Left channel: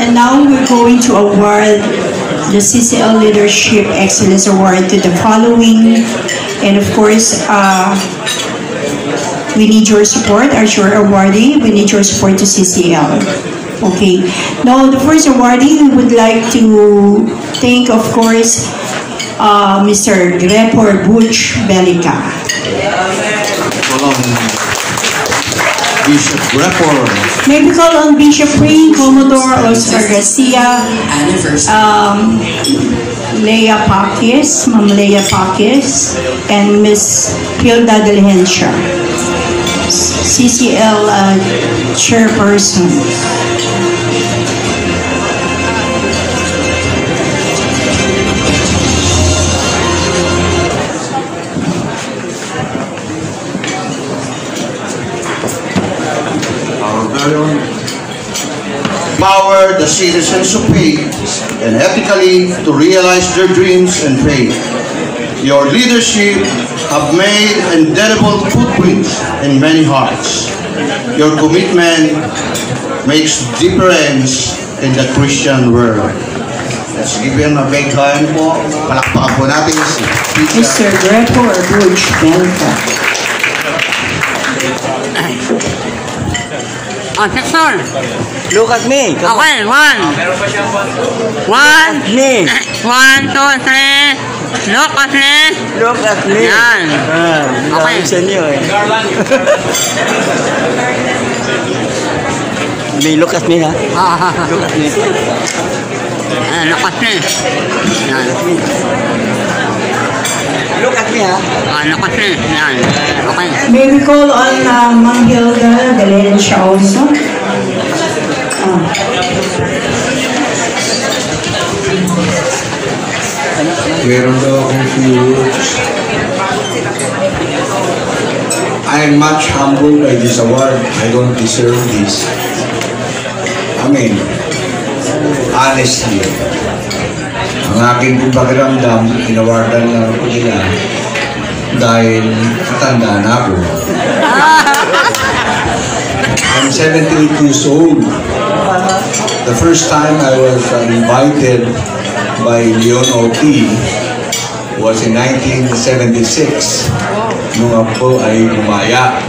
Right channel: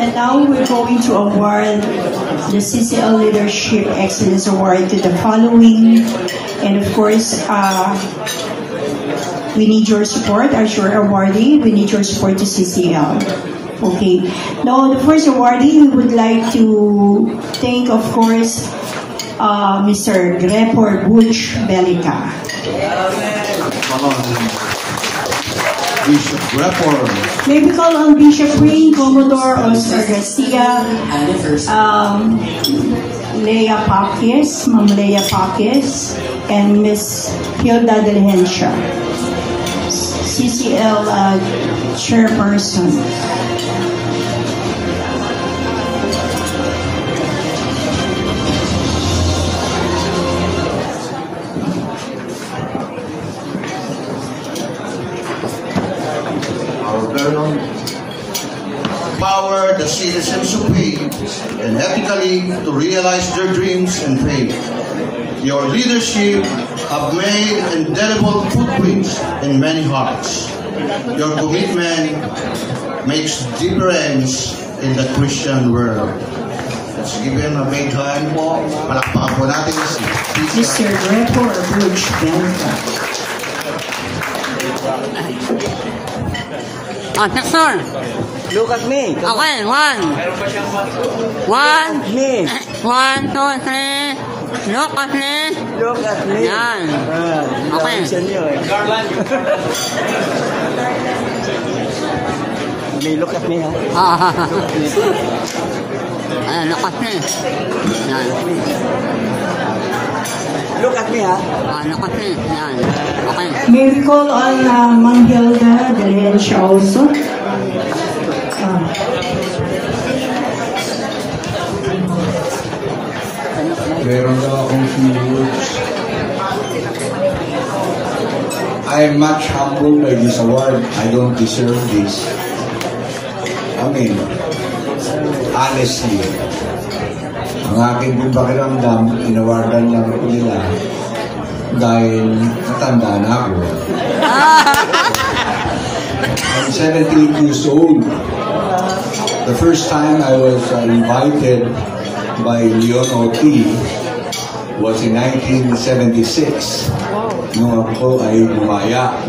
And now we're going to award the CCL Leadership Excellence Award to the following. And of course, we need your support as your awardee. We need your support to CCL. Okay. Now, the first awardee, we would like to thank, of course, Mr. Grepor Butch Belica. Bishop Grepor. May we call on Bishop Pring, Commodore Oscar Garcia, Leia Pakis, Ma'am Leia Pakis, and Miss Hilda Diligencia, CCL Chairperson. Empower the citizens of faith and ethically to realize their dreams and faith. Your leadership have made indelible footprints in many hearts. Your commitment makes difference in the Christian world. Let's give him a big hand po. Palakpakan po natin si Mr. Grepor Butch Belica. Sir. Look at me. Okay, one. Me. 1, 2, 3. Look at me. Look at me. Yan. Okay. Sa inyo eh. May look at me ha? Look at me. Look at me. Yan. Look at me ha? Look at me. Yan. Okay. May we call on Ma'am Hilda Diligencia also? Meron daw akong few. I am much humbled by this award. I don't deserve this. I mean, honestly, ang aking pakiramdam, inawardan lang ko nila dahil matanda na ako. I'm 78 years old. The first time I was invited by Leon O.T. was in 1976 nung ako ay lumaya.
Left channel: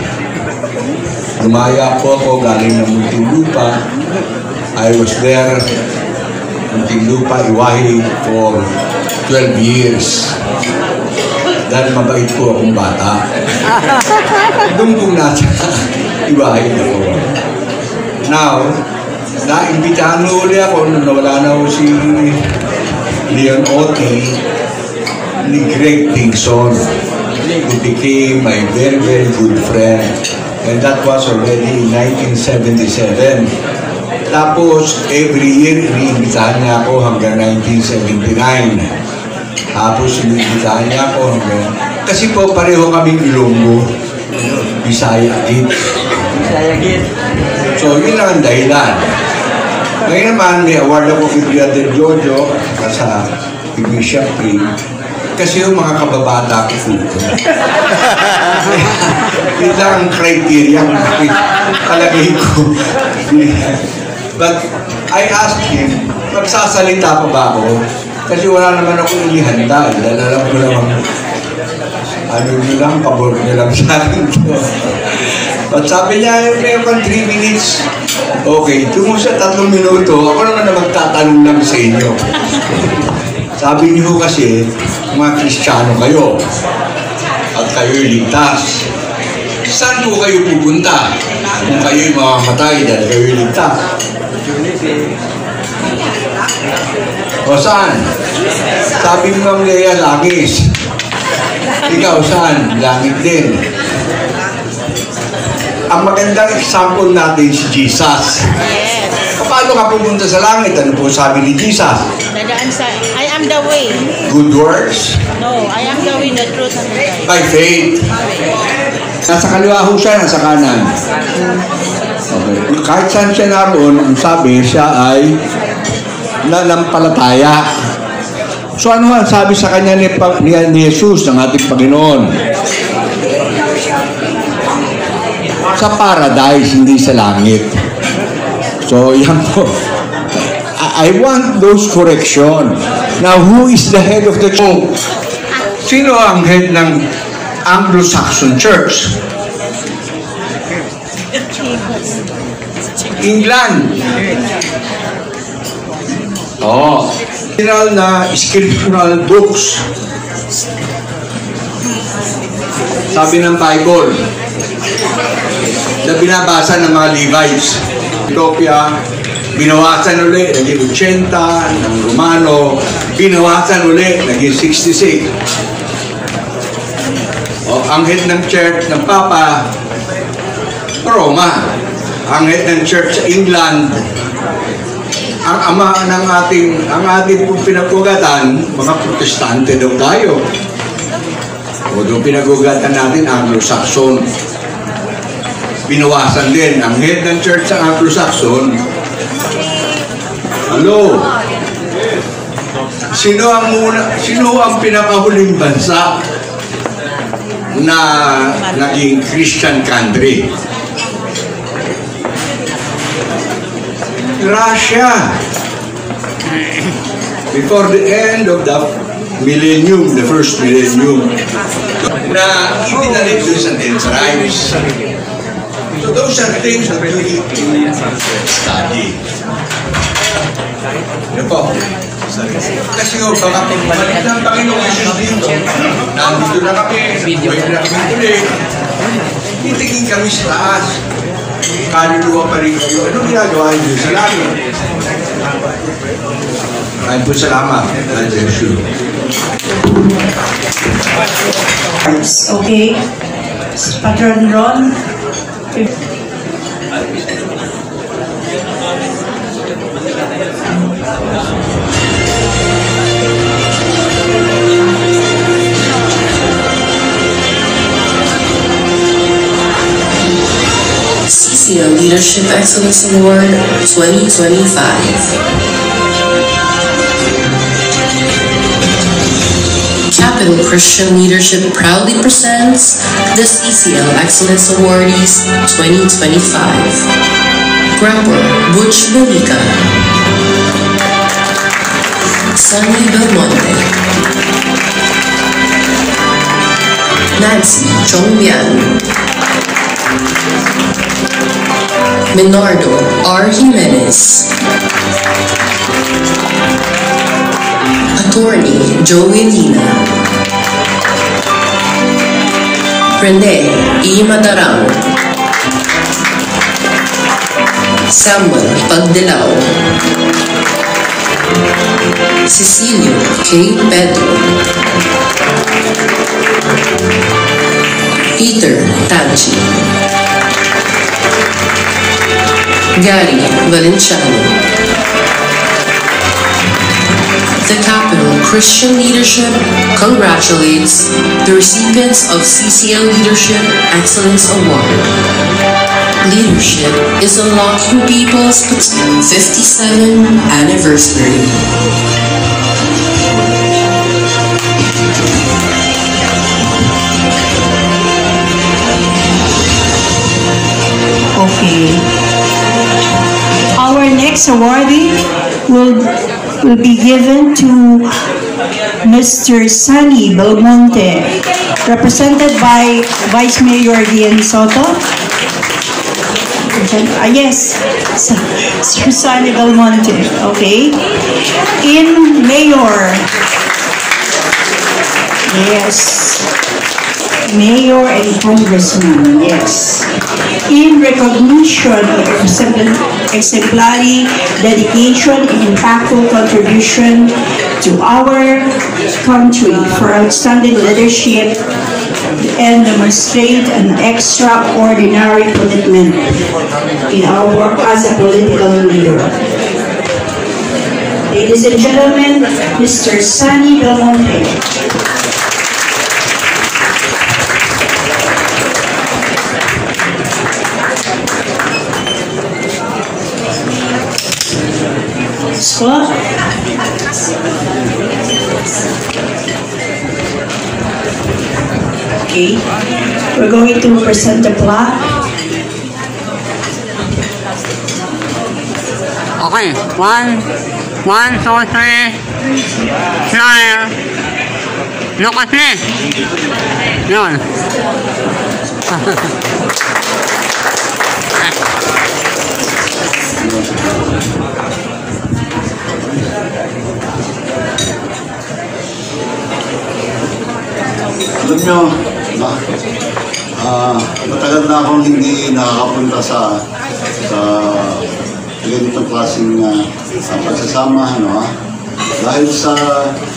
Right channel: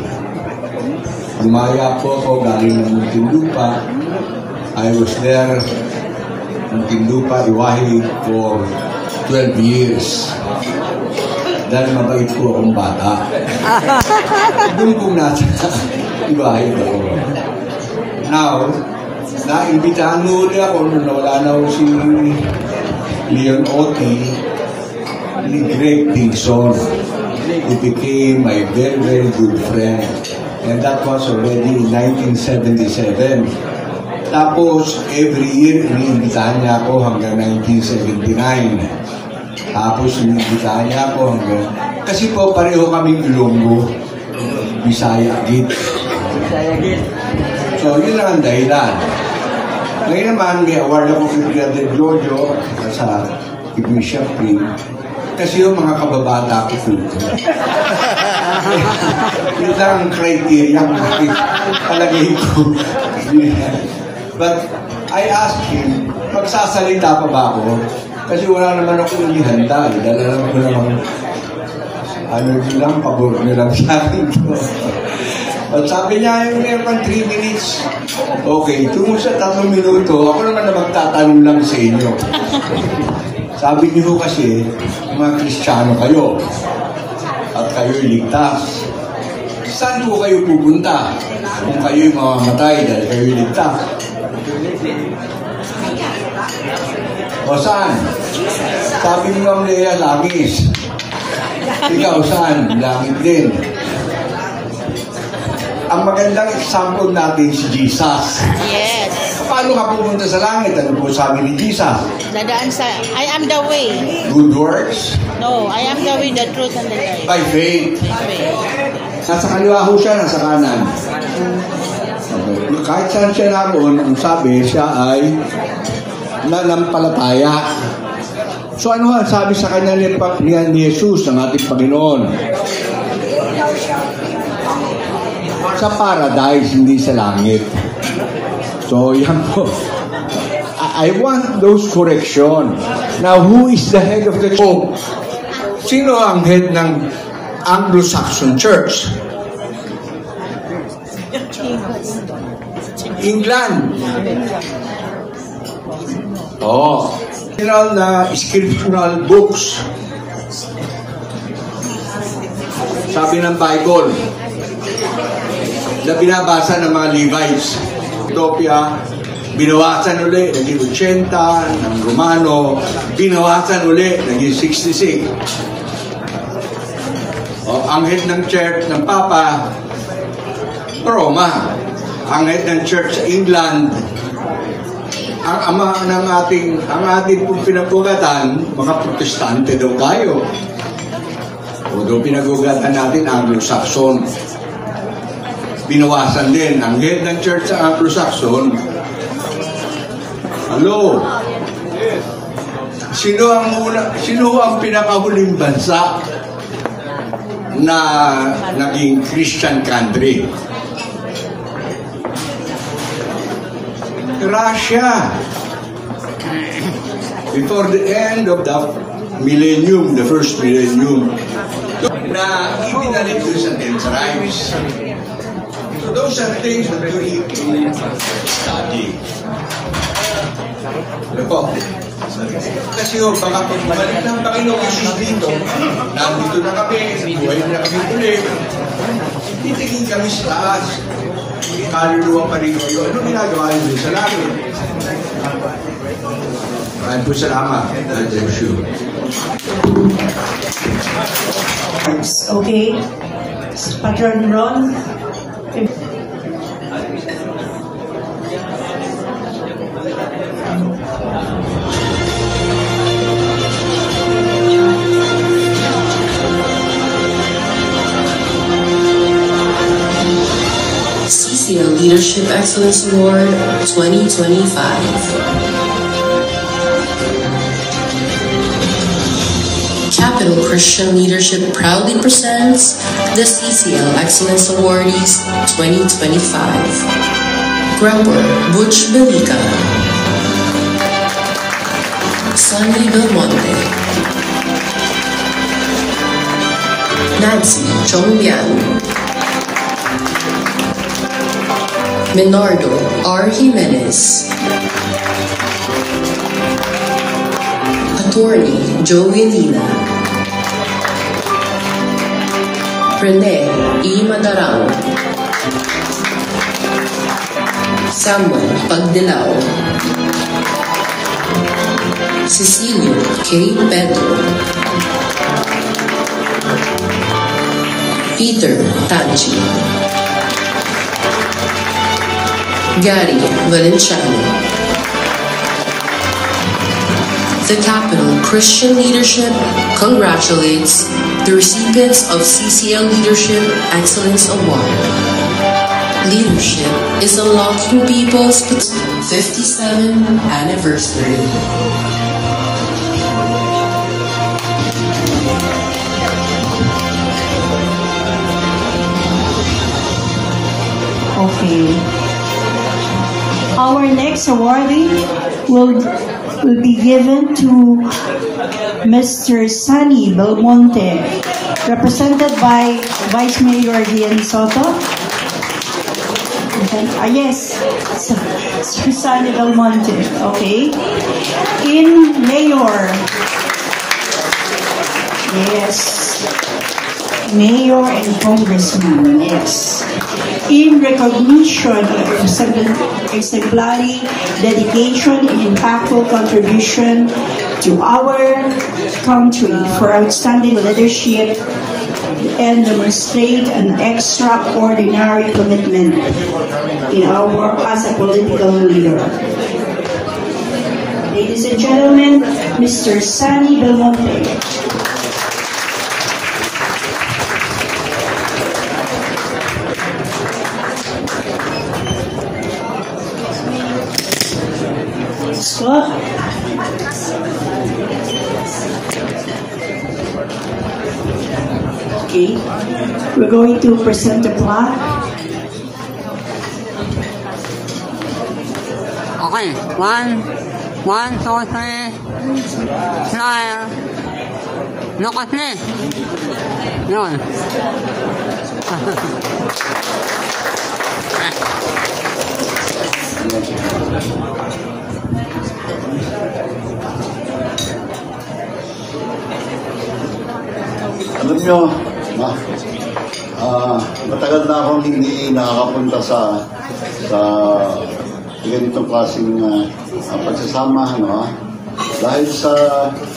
Lumaya po ako galing ng Muntinlupa. I was there Muntinlupa, Iwahi for 12 years. Dahil mabait po akong bata. Doon pong nasa Iwahi ako. Now, naimbitahan mo ulit ako nung nawala na ako si Leon O.T. ni Greg Kingson, who became my very, very good friend. And that was already in 1977. Tapos, every year, iniimbitahan niya ako hanggang 1979. Tapos, iniimbitahan niya ako hanggang... Kasi po, pareho kaming Ilonggo. Bisaya Git. So, yun lang ang dahilan. Ngayon naman, may award ako kay Brother Jojo sa Bishop Pring. Kasi yung mga kababata ko po. Yun lang ang criteria kung palagay ko. But I asked him, magsasalita pa ba ako? Kasi wala naman ako inihanda. Dahil alam ko naman, ano nyo lang, pabor nyo lang sa akin. At sabi niya, mayroon kang 3 minutes. Okay, tungo sa 3 minuto, ako naman na magtatanong lang sa inyo. Sabi niyo kasi, mga Kristiyano kayo. At kayo'y ligtas. Saan po kayo pupunta? Kung kayo'y mamamatay dahil kayo'y ligtas. O saan? Sabi mo nga Leia, langis. Ikaw saan? Langit din. Ang magandang example natin si Jesus. Yes. Paano ka pupunta sa langit? Ano po sabi ni Jesus? Dadaan sa, I am the way. Good works? No, I am the way, the truth, and the life. By faith. Nasa kaliwa ho siya, nasa kanan. Okay. Kahit saan siya naroon, ang sabi, siya ay nanampalataya. So ano ang sabi sa kanya ni Jesus, ng ating Panginoon? Sa paradise, hindi sa langit. So, yan po. I want those correction. Now, who is the head of the church? Sino ang head ng Anglo-Saxon Church? England. Original na scriptural books. Sabi ng Bible na binabasa ng mga Levites. Ethiopia, binawasan ulit, naging 80, ng Romano, binawasan ulit, naging 66. Ang head ng church ng Papa, Roma. Ang head ng church sa England, ang ama ng ating pinagugatan, mga Protestante daw tayo. O doon pinagugatan natin, Anglo-Saxon. Binawasan din. Ang head ng church sa Anglo-Saxon, sino ang pinakahuling bansa na naging Christian country? Russia. Before the end of the millennium, the first millennium, na ibinalit doon sa 10 tribes. So those are things that we need to study. Ano po? Kasi baka bumalik ng Panginoon Jesus dito. Nandito na kami, bumalik na kami ulit. Titingin kami sa taas. Kaluluwa pa rin kayo. Anong ginagawa niyo sa langit? Ay po, salamat. God bless you. Okay. Patron Ron. CCL Leadership Excellence Award 2025. Capital Christian Leadership proudly presents the CCL Excellence Awardees 2025. Grumper Butch Belica, Sunny Belmonte, Nancy Chongbian, Minardo R. Jimenez, Attorney Joey Lina, Rene E. Madarao, Samuel Pagdelao, Cecilio K. Pedro, Peter Tanchi, Gary Valenciano. The Capital Christian Leadership congratulates the recipients of CCL Leadership Excellence Award. Leadership is unlocking people's 57th anniversary. Okay. Our next awardee will be given to Mr. Sunny Belmonte, represented by Vice Mayor Dian Soto. Yes, Sir Sunny Belmonte. Okay. In Mayor. Yes. Mayor and Congressman. Yes. In recognition of exemplary dedication and impactful contribution to our country for outstanding leadership and demonstrate an extraordinary commitment in our work as a political leader. Ladies and gentlemen, Mr. Sunny Belmonte. Okay, we're going to present the plaque. Okay. 1, 2, 3. Smile. Look at me. Yun. Alam nyo, matagal na akong hindi nakakapunta sa ganitong klaseng pagsasama, no? Dahil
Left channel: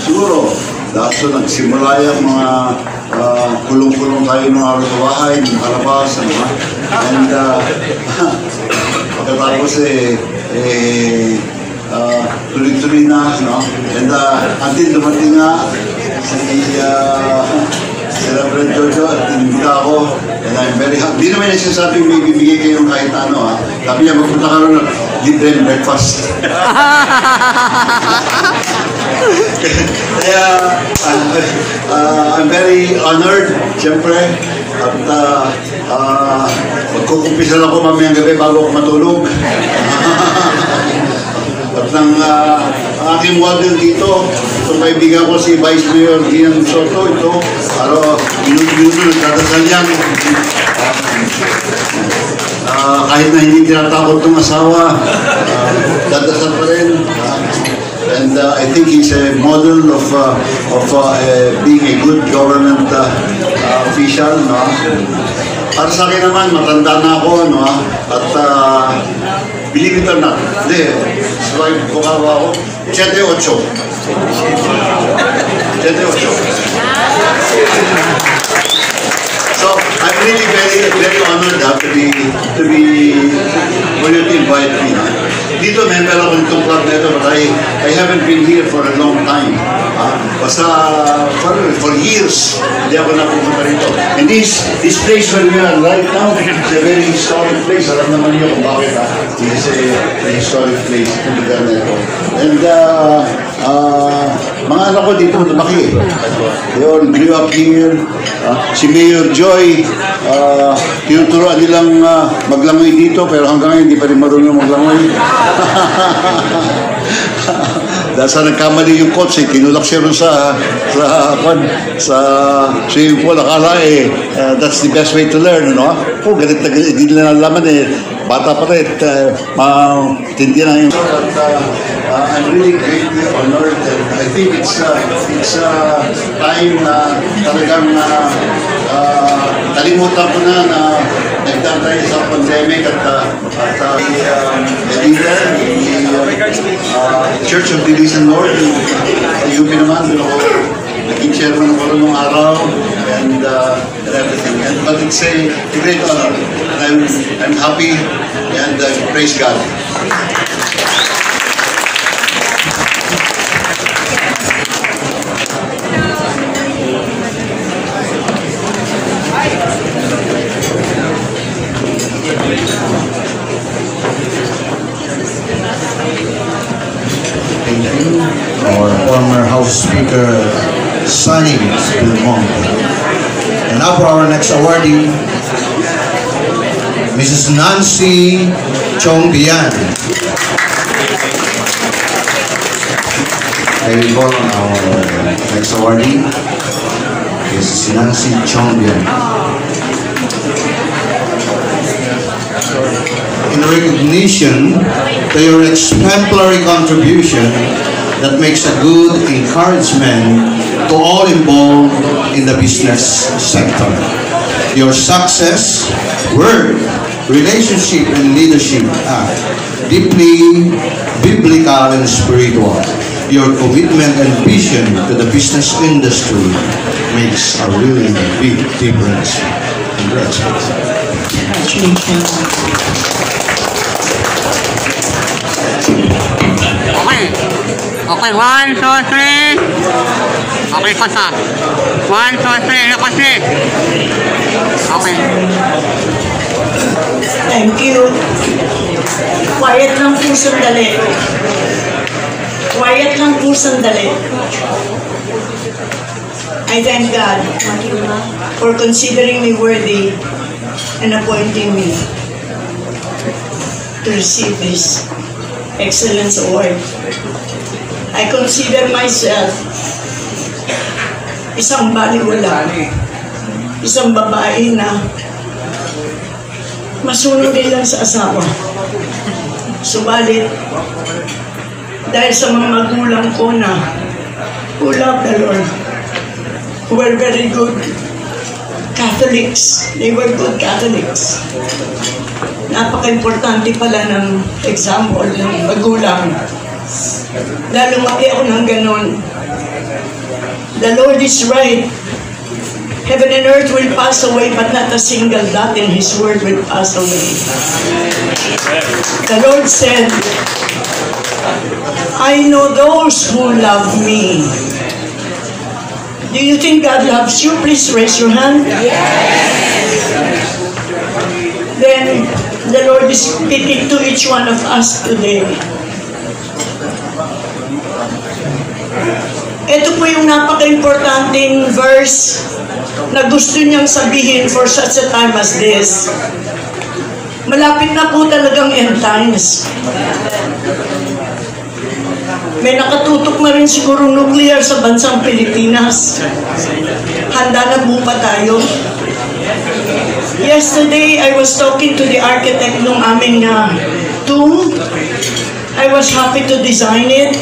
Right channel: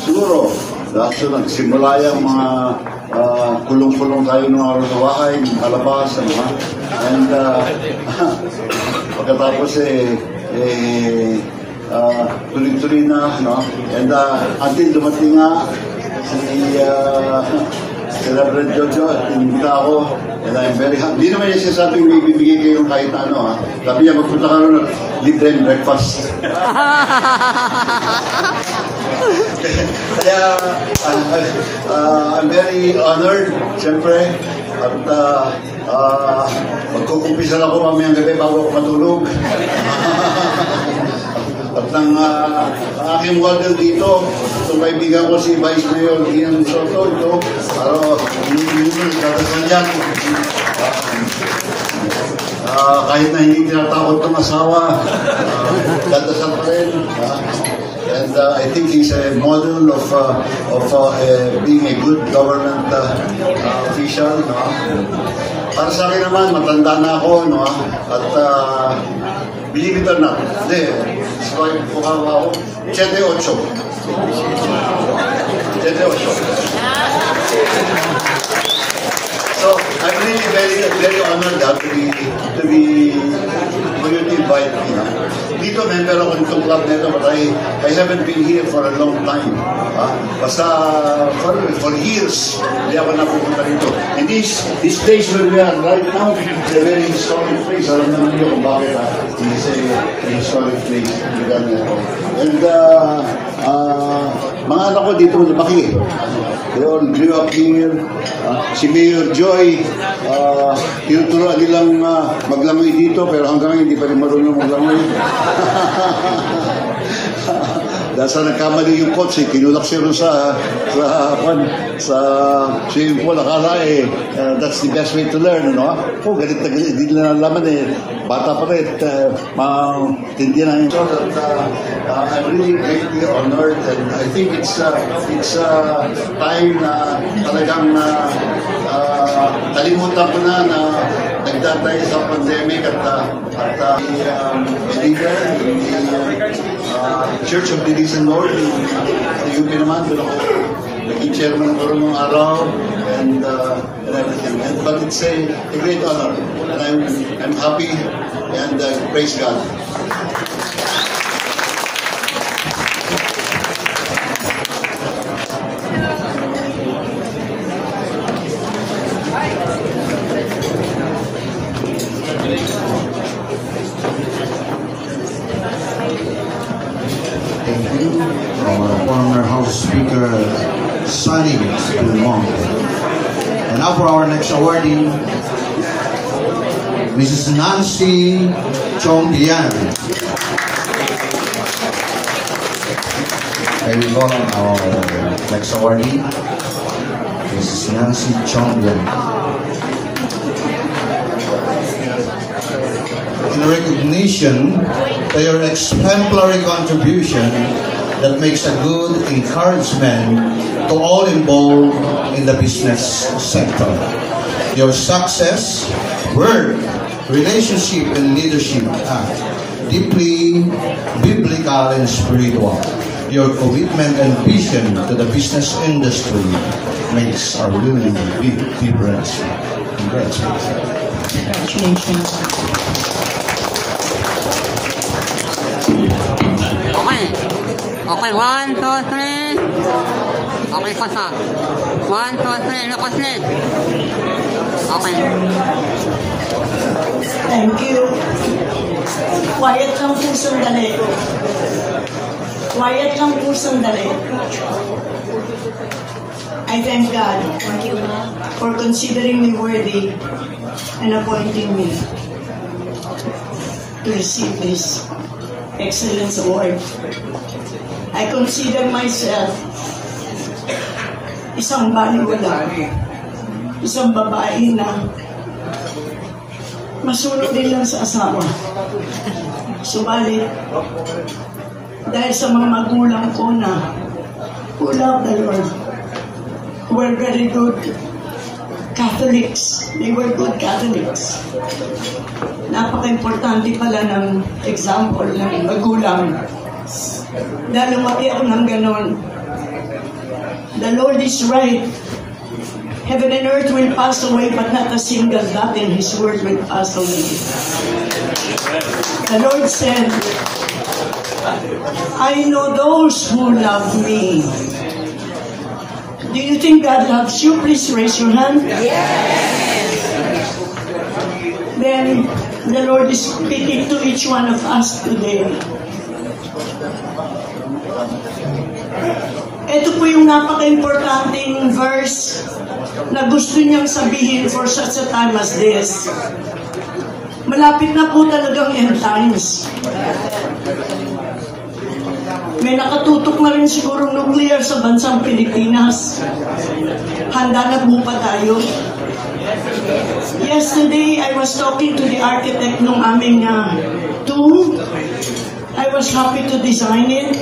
siguro, dahil nagsimula yung mga kulong-kulong tayo ng araw sa bahay, ng kalabas, ano? And pagkatapos tuloy-tuloy na, no? And until dumating nga si Reverend Jojo at tinibita ako, and I'm very happy. Hindi naman yung sinasabing may bibigay kayong kahit ano, ha? Sabi niya, magpunta ka rin ng libre breakfast. Kaya, I'm very honored, siyempre, at magkukumpisal ako mamayang gabi bago ako matulog. At ang aking model dito, itong kaibigan ko si Vice Mayor Gian Soto, ito, minuto nagdadasal yan. Kahit na hindi tinatakot ng asawa, dadasal pa rin. And I think he's a model of being a good government official. No? Para sa akin naman, matanda na ako, no? At believe it or not, hindi, swipe ko kawa ako, 78. So, I'm really very honored for you to invite me. Dito, member ako nitong club na ito. I haven't been here for a long time. Basta, for years, hindi ako napupunta rito. And this place where we are right now, is a very historic place. Alam naman niyo kung bakit. This is a historic place. Itong lugar na ito. And, mga anak ko dito lumaki. They all grew up here. Si Mayor Joy, tinuturoan nilang maglangoy dito, pero hanggang ngayon hindi pa rin marunong maglangoy. Dahil sa nagkamali yung coach, kinulak siya rin sa swimming pool. Akala that's the best way to learn, no? Galit na galit, hindi nila nalaman bata pa rin, tindihan na yung... I'm really greatly honored, and I think it's time na talagang nalimutan ko na nagdantay sa pandemic at leader, the Church of the Risen Lord, sa UP naman, pero naging chairman ko nung araw, and everything. But it's a great honor. I'm happy, and praise God. Our former House Speaker, Sonny Belmonte. And now for our next awardee, Mrs. Nancy Chongbian. May we call on our next awardee, Mrs. Nancy Chongbian. In recognition to your exemplary contribution that makes a good encouragement to all involved in the business sector. Your success, work, relationship, and leadership are deeply biblical and spiritual. Your commitment and vision to the business industry makes a really big difference. Congratulations. Okay, 1, 2, 3. Okay, pasa. 1, 2, 3. Look at me. Okay. Thank you. Quiet lang po sandali. Quiet lang po sandali. I thank God for considering me worthy and appointing me to receive this Excellence Award. I consider myself isang baliwala, isang babae na masunod din lang sa asawa. Subalit, dahil sa mga magulang ko na who love the Lord, who were very good Catholics, they were good Catholics. Napaka-importante pala ng example ng magulang. Dahil lumaki ako ng ganon. The Lord is right. Heaven and earth will pass away, but not a single dot in His word will pass away. The Lord said, I know those who love me. Do you think God loves you? Please raise your hand. Then, the Lord is speaking to each one of us today. Ito po yung napaka-importanting verse na gusto niyang sabihin for such a time as this. Malapit na po talagang end times. May nakatutok na rin siguro nuclear sa bansang Pilipinas. Handa na po pa tayo? Yesterday, I was talking to the architect nung aming tomb. I was happy to design it.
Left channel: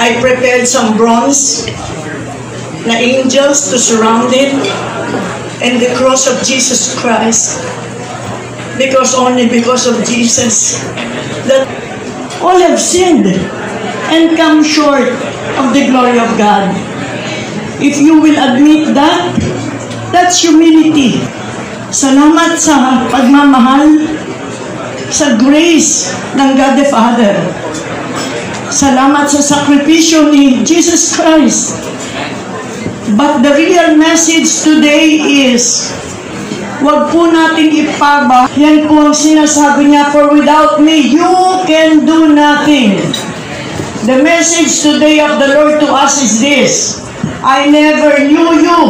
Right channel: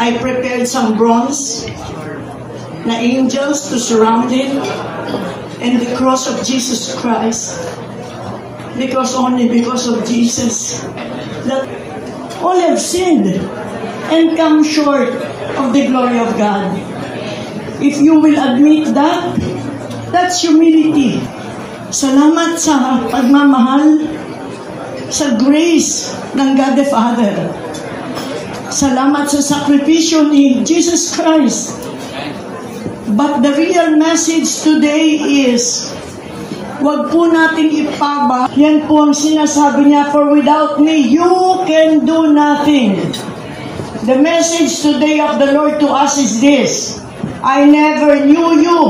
I prepared some bronze na angels to surround it and the cross of Jesus Christ. Only because of Jesus that all have sinned and come short of the glory of God. If you will admit that, that's humility. Salamat sa pagmamahal, sa grace ng God the Father. Salamat sa sakripisyo ni Jesus Christ. But the real message today is, wag po natin ipaba. Yan po ang sinasabi niya, for without me, you can do nothing. The message today of the Lord to us is this: I never knew you,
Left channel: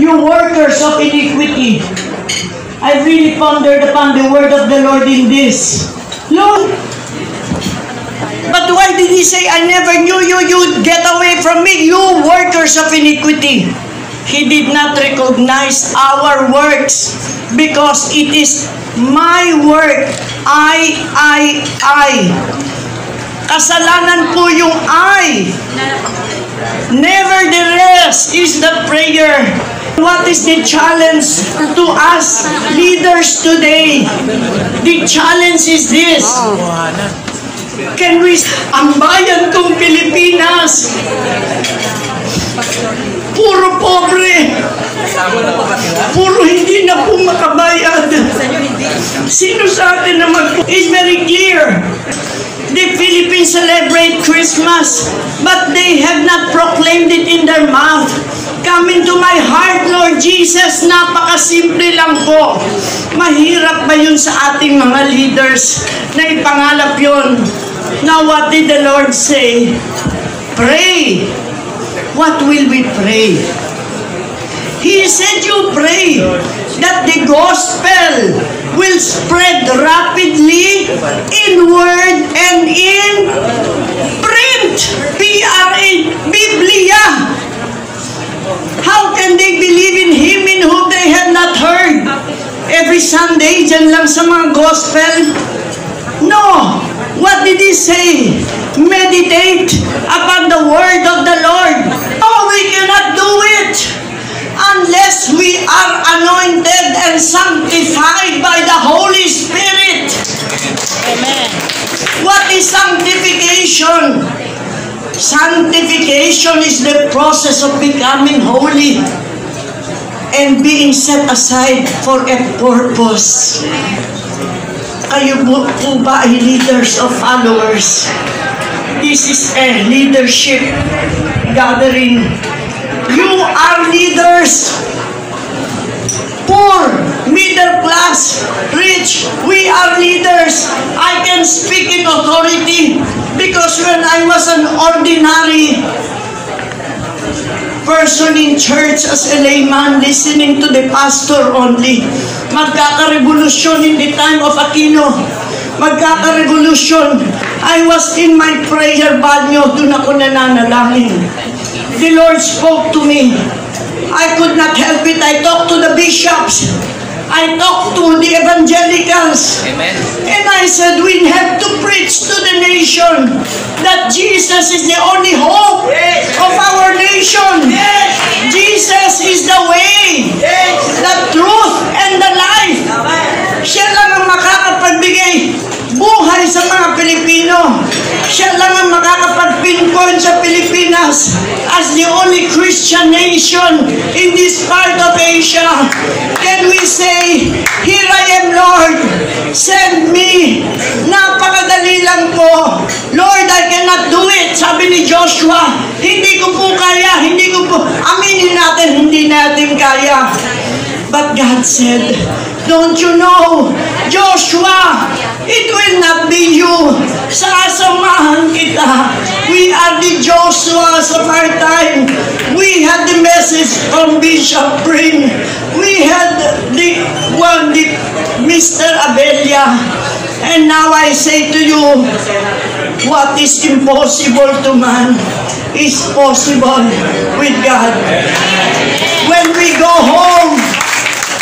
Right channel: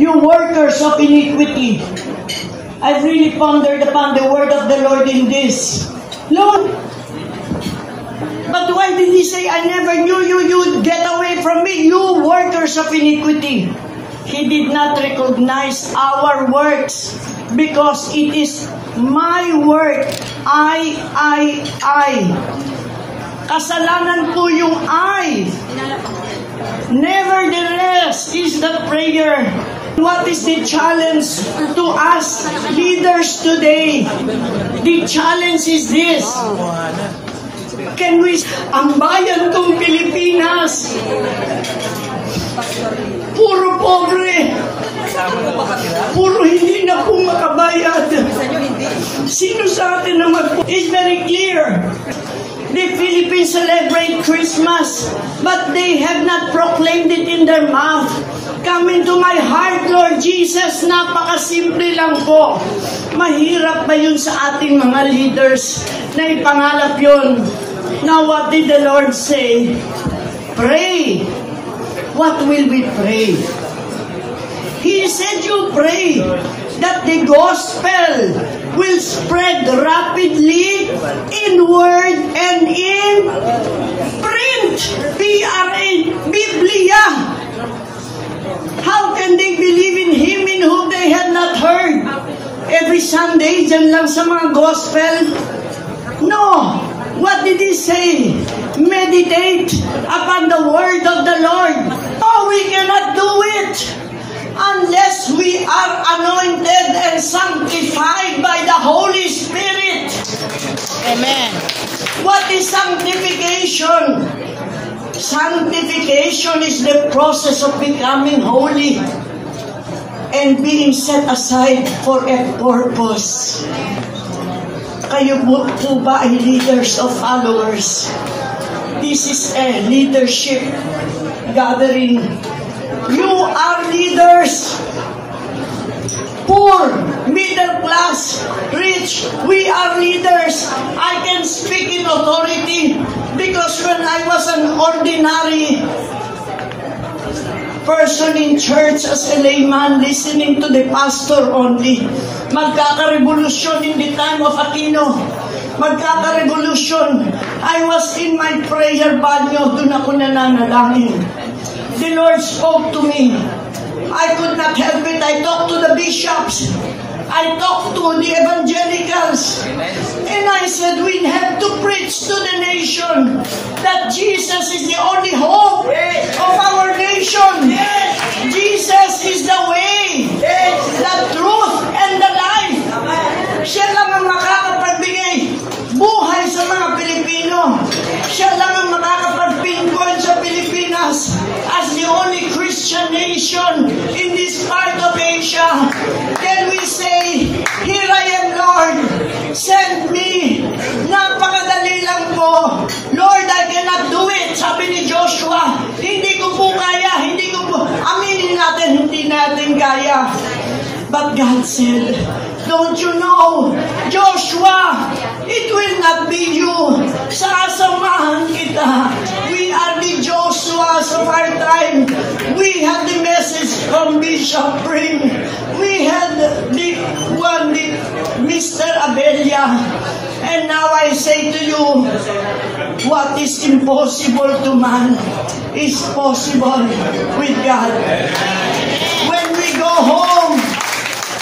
you workers of iniquity. I really pondered upon the word of the Lord in this. Lord, but why did He say, I never knew you, you get away from me, you workers of iniquity? He did not recognize our works because it is my work. I. Kasalanan po yung I. Nevertheless is the prayer. What is the challenge to us leaders today? The challenge is this. Can we, ang bayan kong Pilipinas, puro pobre, puro hindi na po makabayad. Sino sa atin na is very clear. The Philippines celebrate Christmas, but they have not proclaimed it in their mouth. Come into my heart, Lord Jesus. Napakasimple lang po. Mahirap ba yun sa ating mga leaders na ipangalap yun? Now, what did the Lord say? Pray. What will we pray? He said you pray that the gospel will spread rapidly in word and in print. Biblia. How can they believe in Him in whom they have not heard? Every Sunday, dyan lang sa mga gospel? No. What did He say? Meditate upon the word of the Lord. Oh, we cannot do it unless we are anointed and sanctified by the Holy Spirit. Amen. What is sanctification? Sanctification is the process of becoming holy and being set aside for a purpose. Kayo po ba ay leaders of followers? This is a leadership gathering. You are leaders. Poor, middle class, rich, we are leaders. I can speak in authority because when I was an ordinary person in church as a layman listening to the pastor only, magkakarevolusyon in the time of Aquino. magkaka-revolution. I was in my prayer banyo, doon ako nananalangin. The Lord spoke to me. I could not help it. I talked to the bishops. I talked to the evangelicals. Amen. And I said, we have to preach to the nation that Jesus is the only hope of our nation. Jesus is the way, the truth, and the life. Siya lang ang makakapagbigay buhay sa mga Pilipino. Siya lang ang makakapag-pinpoint sa Pilipinas as the only Christian nation in this part of Asia. Then we say, here I am, Lord. Send me. Napakadali lang po. Lord, I cannot do it. Sabi ni Joshua, hindi ko po kaya, hindi ko po. Aminin natin, hindi natin kaya. But God said, don't you know, Joshua, it will not be you. Sasamahan kita. We are the Joshuas of our time. We had the message from Bishop Pring. We had the Mr. Abella. And now I say to you, what is impossible to man is possible with God. When we go home,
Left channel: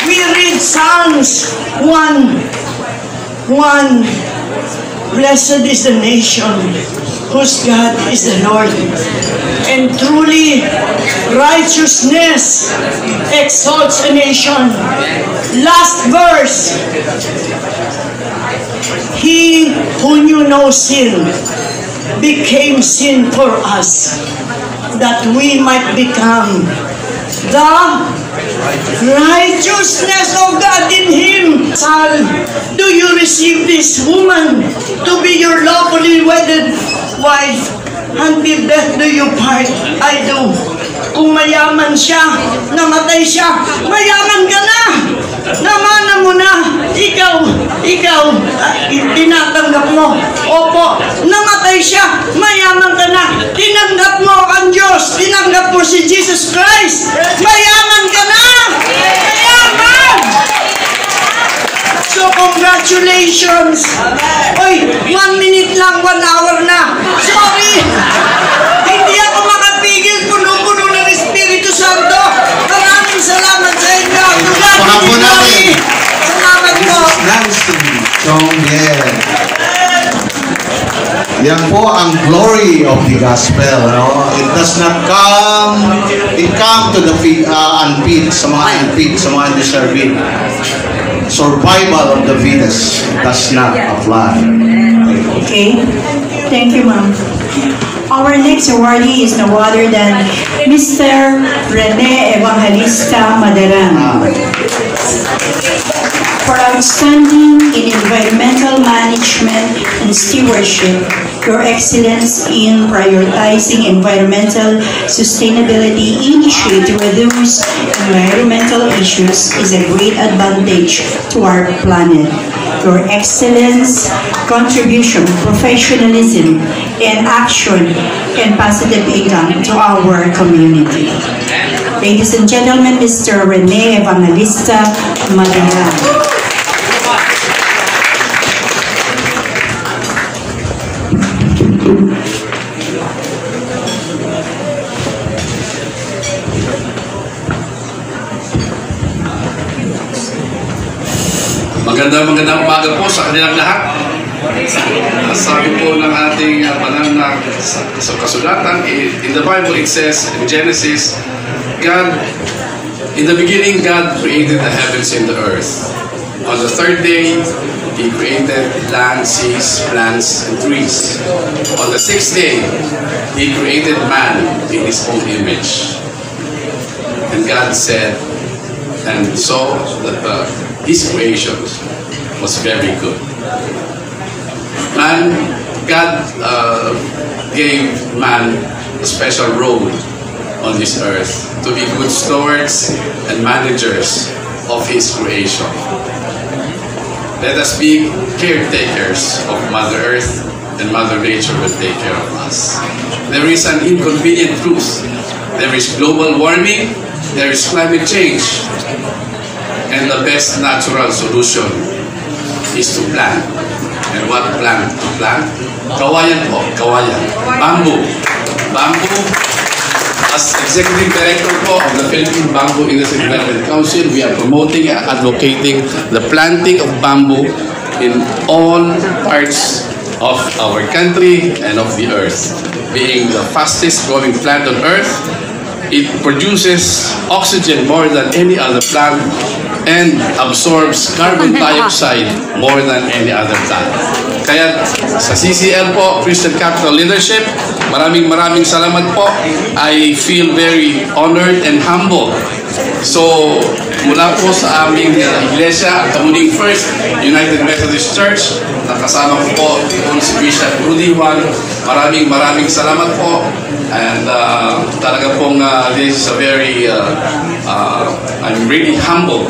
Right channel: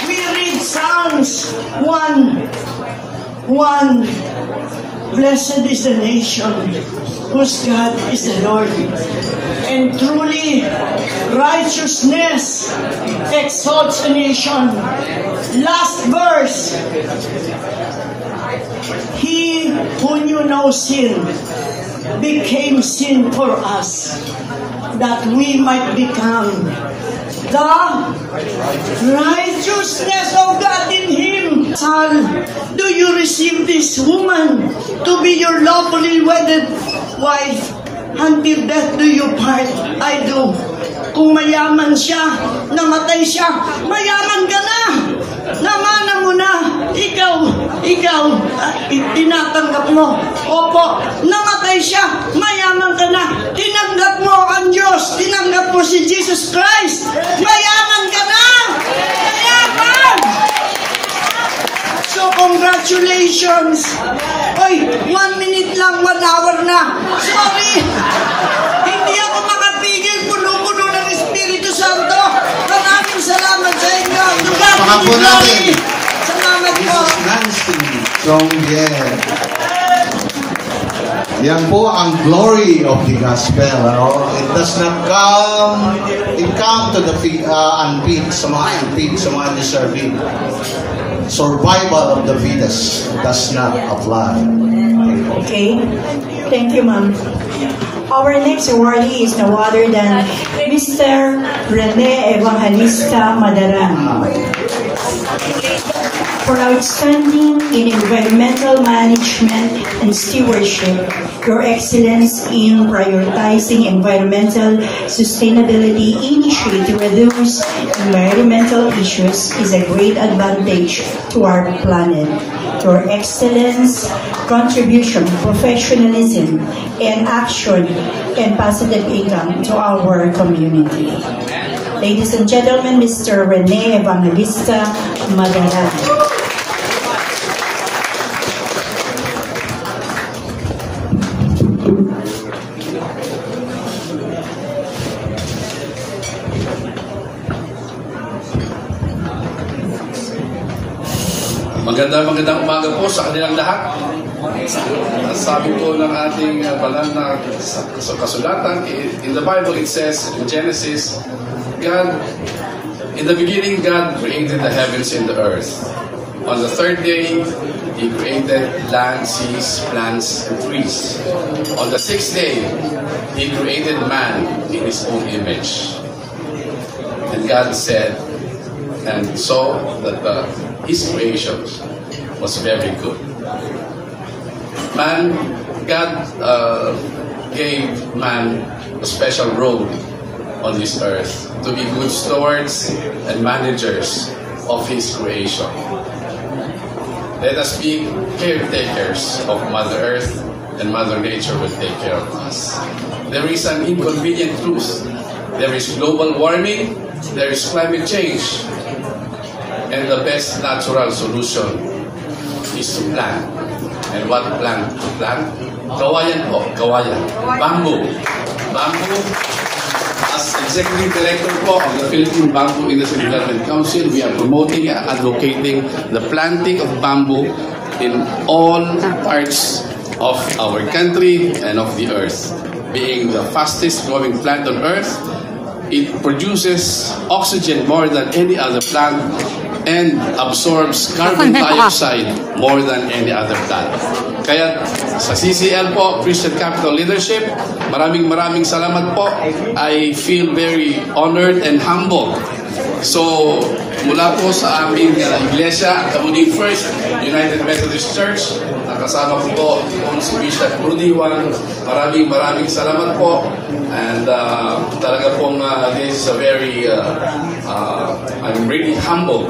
we read Psalms 1. Blessed is the nation whose God is the Lord. And truly, righteousness exalts a nation. Last verse. He who knew no sin became sin for us, that we might become the righteousness of God in Him. Sal, do you receive this woman to be your lawfully wedded wife? Until death do you part? I do. Kung mayaman siya, namatay siya, mayaman ka na! Namana mo na! Ikaw, tinatanggap mo. Opo, namatay siya, mayaman ka na. Tinanggap mo ang Diyos, tinanggap mo si Jesus Christ. Mayaman ka na! Mayaman! So, congratulations! Oy, 1 minute lang, 1 hour na. Sorry! Hindi ako makapigil, puno-puno ng Espiritu Santo. Maraming salamat sa inyo. Pakapo natin. Salamat po. Yan po ang glory of the gospel. Ano? It does not come, it come to the unfit, sa mga unfit, sa mga deserving. Survival of the fittest does not apply. Okay. Thank you, ma'am. Our next awardee is no other than Mr. Rene Evangelista Madaran. For outstanding in environmental management and stewardship, your excellence in prioritizing environmental sustainability initiative to reduce environmental issues is a great advantage to our planet. Your excellence, contribution, professionalism, and action and positive income to our community. Ladies and gentlemen, Mr. Rene Evangelista Madaran. Magandang umaga po sa kanilang lahat. Sabi po ng ating banal na sa kasulatan, in the Bible it says in Genesis, in the beginning God created the heavens and the earth. On the third day, He created land, seas, plants, and trees. On the sixth day, He created man in His own image. And God said, and saw that His creation was very good. God gave man a special role on this earth to be good stewards and managers of His creation. Let us be caretakers of Mother Earth, and Mother Nature will take care of us. There is an inconvenient truth. There is global warming, there is climate change, and the best natural solution is to plant. And what plant to plant? Kawayan po, kawayan. Bamboo. Bamboo. As Executive Director po of the Philippine Bamboo Industry Development Council, we are promoting and advocating the planting of bamboo in all parts of our country and of the earth. Being the fastest growing plant on earth, it produces oxygen more than any other plant and absorbs carbon dioxide more than any other plant. Kaya sa CCL po, Christian Capital Leadership, maraming salamat po. I feel very honored and humbled. So, mula po sa aming iglesia, Kamuning First United Methodist Church, nakasama ko po si Bishop Rudy Juan. Maraming salamat po. And talaga pong this is a very, I'm really humbled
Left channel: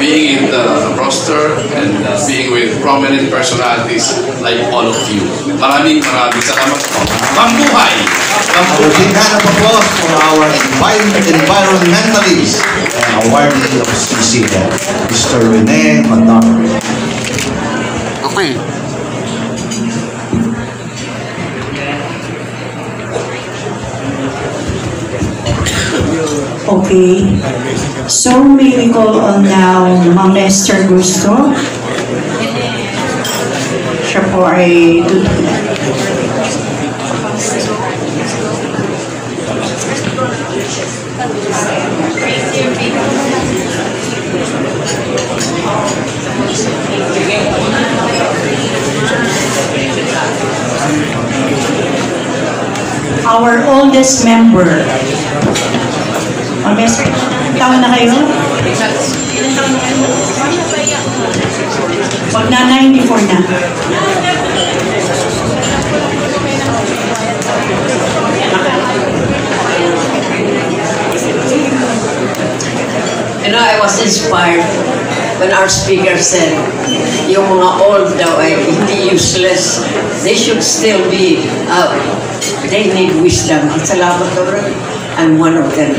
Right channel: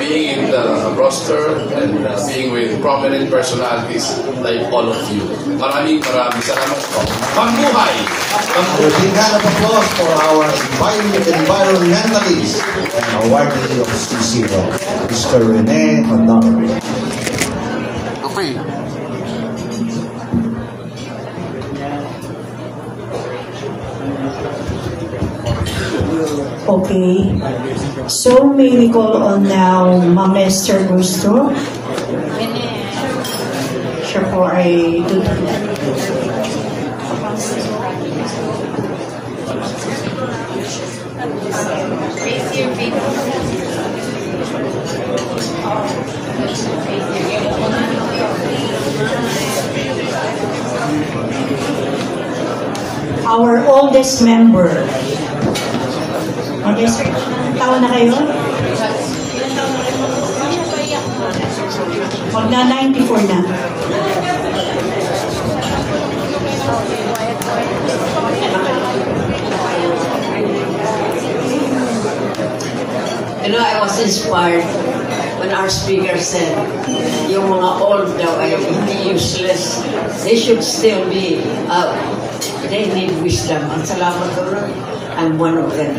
being in the roster and being with prominent personalities like all of you. Maraming salamat po. Mambuhay! A big hand of applause for our environmentalist and awardee of CCL, Mr. Rene Matar. Okay. Okay. So may we call on now Ma'am Esther Gusto. Siya po ay tutulad. Our oldest member. Ma'am Esther, ilang taon na kayo? Ilang taon na kayo? Pag na 94 na. You know, I was inspired when our speaker said, yung mga old daw ay hindi useless. They should still be, they need wisdom. Salamat Lord. I'm one of them.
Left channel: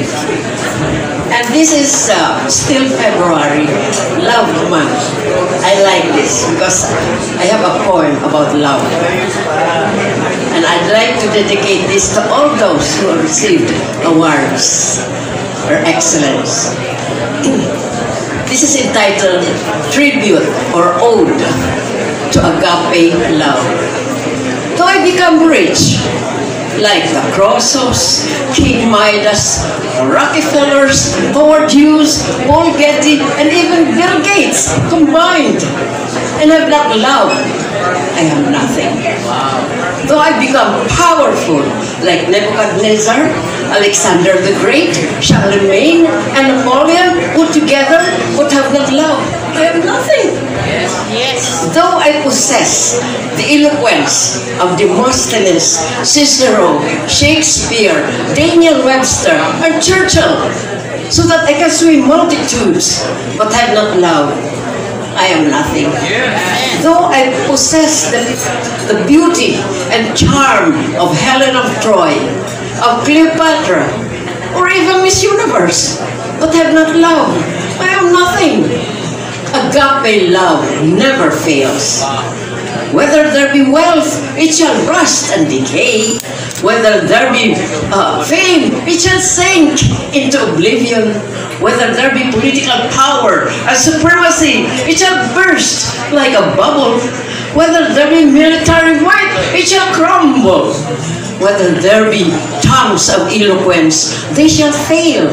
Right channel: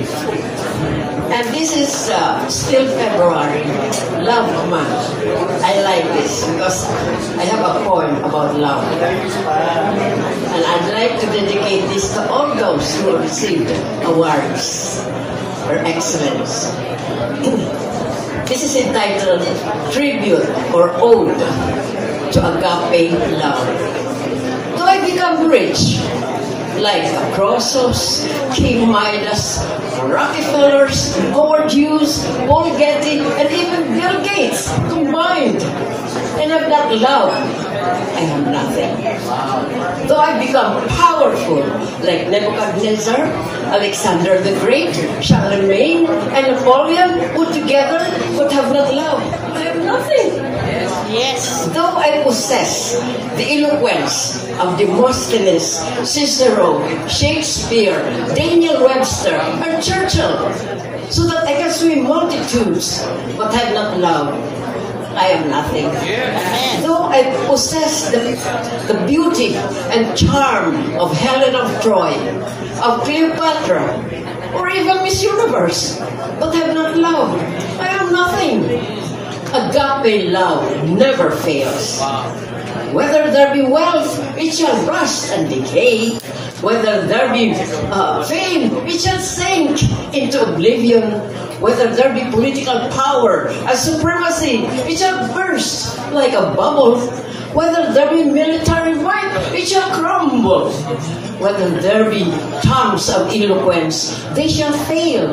And this is still February, Love Month. I like this because I have a poem about love. And I'd like to dedicate this to all those who have received awards or excellence. This is entitled Tribute or Ode to Agape Love. Though I become rich, like the Crossos, King Midas, Rockefellers, Howard Hughes, Paul Getty, and even Bill Gates combined, and have not love, I have nothing. Though I become powerful, like Nebuchadnezzar, Alexander the Great, Charlemagne, and Napoleon put together, but have not love, I have nothing. Yes. Though I possess the eloquence of Demosthenes, Cicero, Shakespeare, Daniel Webster, and Churchill, so that I can swim multitudes, but have not love, I am nothing. Though I possess the beauty and charm of Helen of Troy, of Cleopatra, or even Miss Universe, but have not love, I am nothing. Agape love never fails. Whether there be wealth, it shall rust and decay. Whether there be fame, it shall sink into oblivion. Whether there be political power and supremacy, it shall burst like a bubble. Whether there be military might, it shall crumble. Whether there be tongues of eloquence, they shall fail.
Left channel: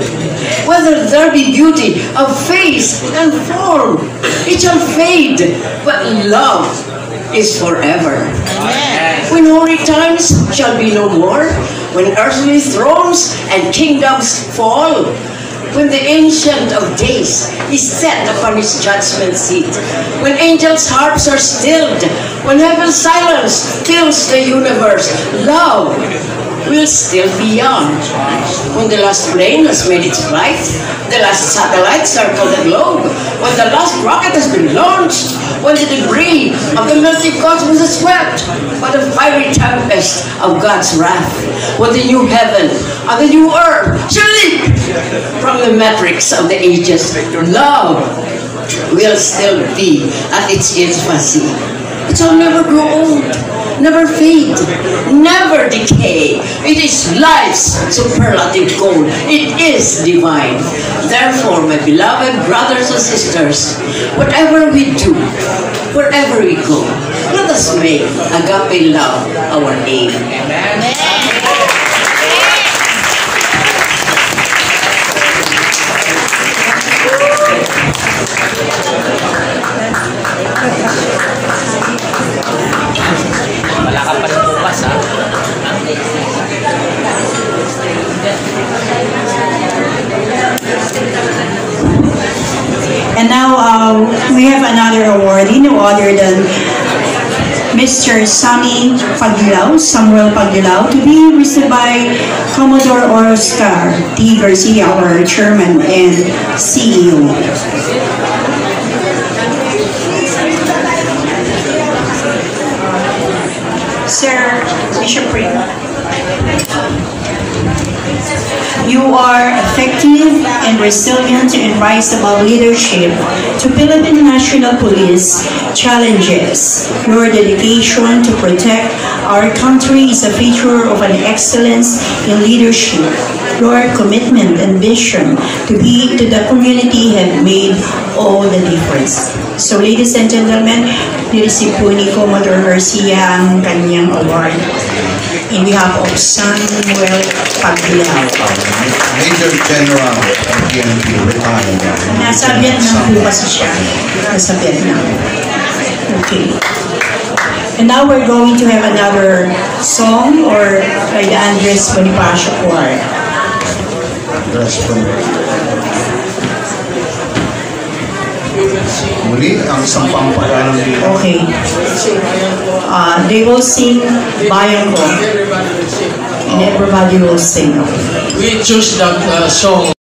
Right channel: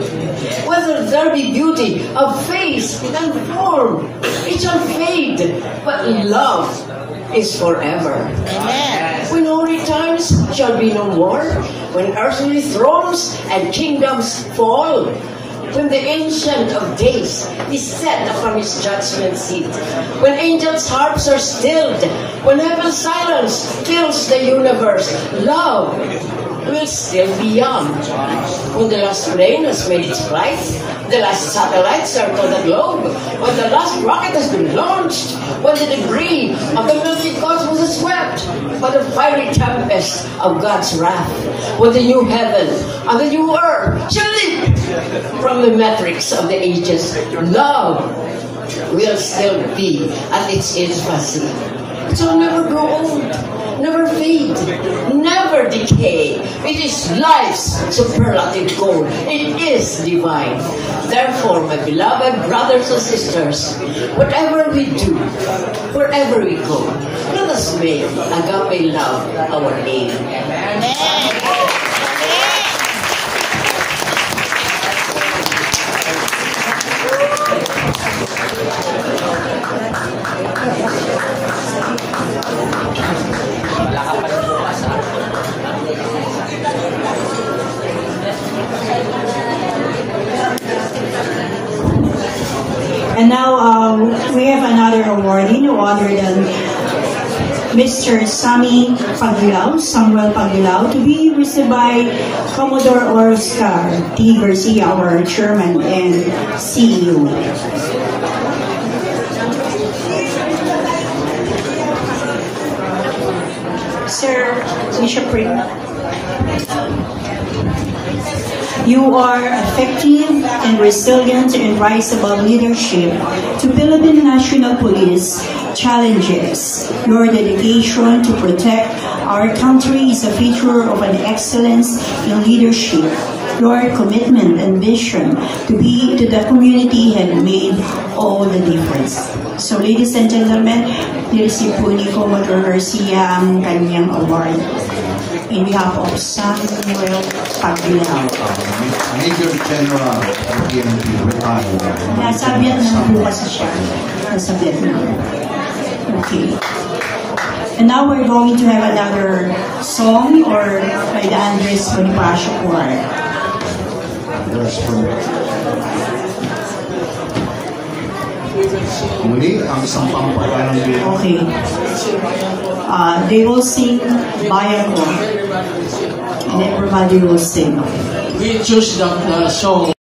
Whether there be beauty of face and form, it shall fade. But love is forever. When holy times shall be no more, when earthly thrones and kingdoms fall, when the Ancient of Days is set upon his judgment seat, when angels' harps are stilled, when heaven's silence fills the universe, love will still be young. When the last plane has made its flight, the last satellite circled the globe, when the last rocket has been launched, when the debris of the melting cosmos is swept by the fiery tempest of God's wrath, when the new heaven and the new earth shall leap from the matrix of the ages, love will still be at its infancy. It shall never grow old, never fade, never decay. It is life's superlative goal. It is divine. Therefore, my beloved brothers and sisters, whatever we do, wherever we go, let us make agape love our aim. Amen. And now we have another awardee, no other than Mr. Sammy Pagdilaw, Samuel Pagdilaw, to be received by Commodore Oscar T. Garcia, our Chairman and CEO. Sir Bishop Pring, you are effective and resilient and rise above leadership to Philippine National Police challenges. Your dedication to protect our country is a feature of an excellence in leadership. Your commitment and vision to be to the community have made all the difference. So ladies and gentlemen, nireceive po ni Commodore Garcia ang kanyang award in behalf of Samuel Pagdilaw. Major General of PNP, retired. Nasa Vietnam po kasi siya. Nasa Vietnam. Okay. And now we're going to have another song or by the Andres Bonifacio Choir. Muli, ang sampang pagkalang bilang. Okay. They will sing Bayang Ko. And everybody will sing. We choose that song.